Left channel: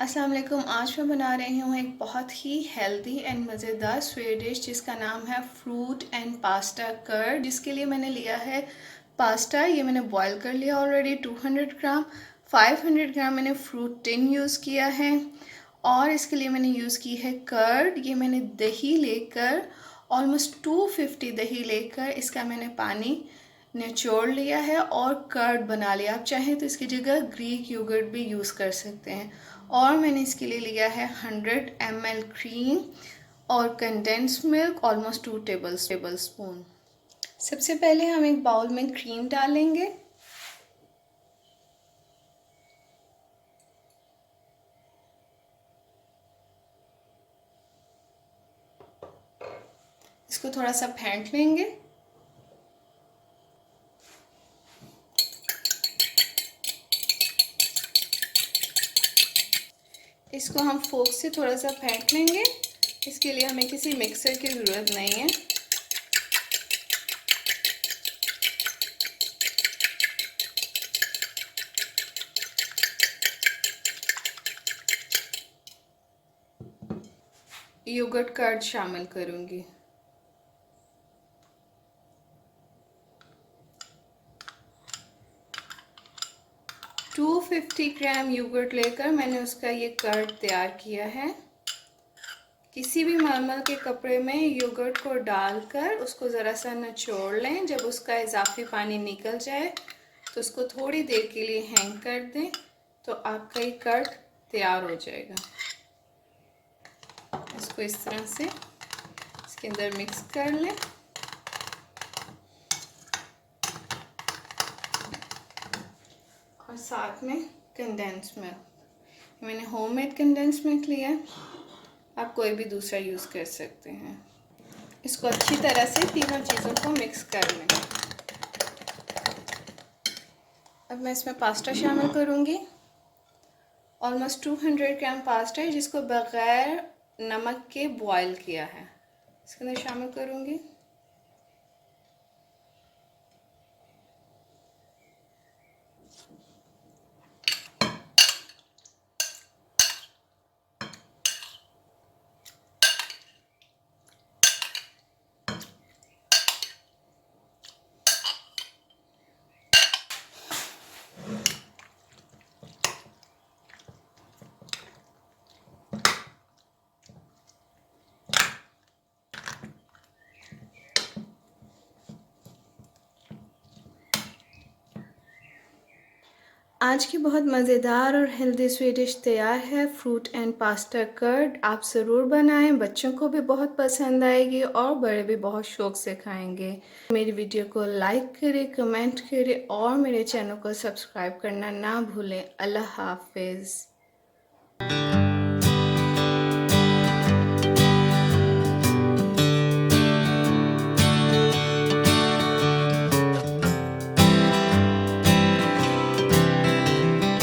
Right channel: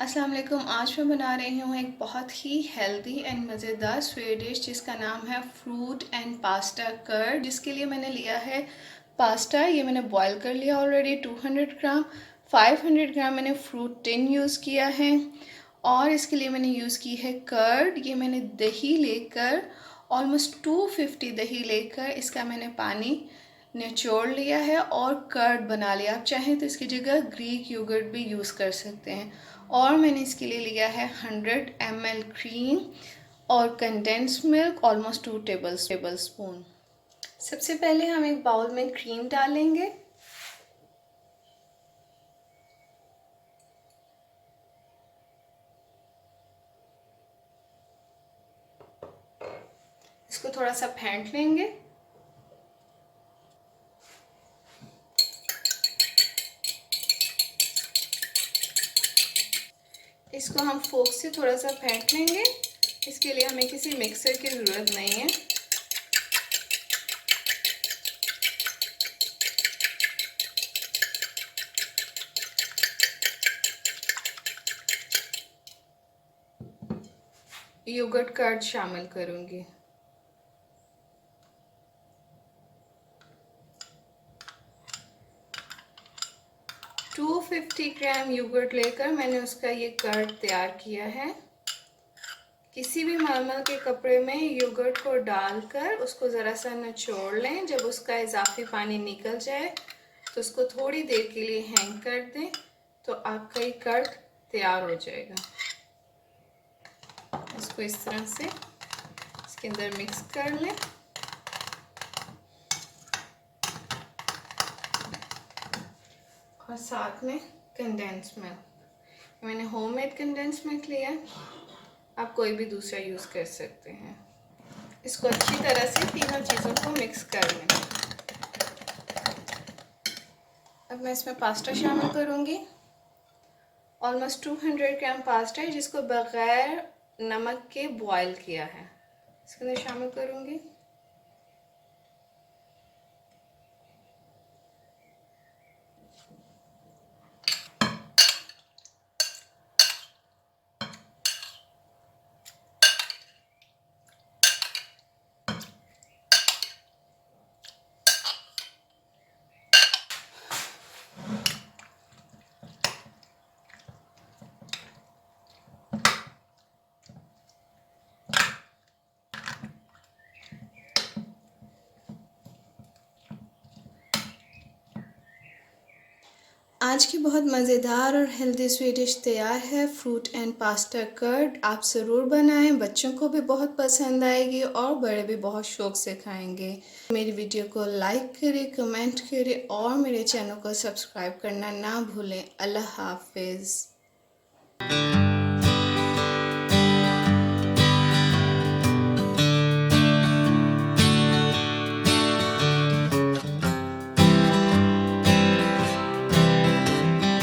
अस्सलाम वालेकुम। आज मैं बना रही हूँ एक बहुत ही हेल्दी एंड मज़ेदार स्वीट डिश जिसका नाम है फ्रूट एंड पास्ता कर्ड। जिसके लिए मैंने लिया है पास्ता, ये मैंने बॉईल कर लिया ऑलरेडी 200 ग्राम। 500 ग्राम मैंने फ्रूट टिन यूज़ किया है और इसके लिए मैंने यूज़ की है कर्ड। ये मैंने दही लेकर ऑलमोस्ट 250 दही लेकर इसका मैंने पानी निचोड़ लिया है और कर्ड बना लिया। आप चाहें तो इसकी जगह ग्रीक योगर्ट भी यूज़ कर सकते हैं। और मैंने इसके लिए लिया है 100 ml क्रीम और condense milk almost 2 table spoon. सबसे पहले हम एक बाउल में क्रीम डालेंगे। इसको थोड़ा सा फेंट लेंगे। इसको हम फोर्क से थोड़ा सा फेंट लेंगे। इसके लिए हमें किसी मिक्सर की ज़रूरत नहीं है। योगर्ट कर्ड शामिल करूँगी। टू 250 ग्राम योगर्ट लेकर मैंने उसका ये कर्ड तैयार किया है। किसी भी नॉर्मल के कपड़े में योगर्ट को डालकर उसको ज़रा सा निचोड़ लें। जब उसका इजाफी पानी निकल जाए तो उसको थोड़ी देर के लिए हैंग कर दें, तो आपका ये कर्ड तैयार हो जाएगा। इसको इस तरह से इसके अंदर मिक्स कर लें। और साथ में कंडेंस मिल्क, मैंने होममेड कंडेंस मिल्क लिया है, आप कोई भी दूसरा यूज़ कर सकते हैं। इसको अच्छी तरह से तीनों चीज़ों को मिक्स कर लें। अब मैं इसमें पास्ता शामिल करूँगी। ऑलमोस्ट 200 ग्राम पास्ता है जिसको बग़ैर नमक के बॉयल किया है, इसके अंदर शामिल करूँगी। आज की बहुत मज़ेदार और हेल्दी स्वीट डिश तैयार है, फ्रूट एंड पास्ता कर्ड। आप ज़रूर बनाएं, बच्चों को भी बहुत पसंद आएगी और बड़े भी बहुत शौक़ से खाएंगे। मेरी वीडियो को लाइक करें, कमेंट करें और मेरे चैनल को सब्सक्राइब करना ना भूलें। अल्लाह हाफिज़।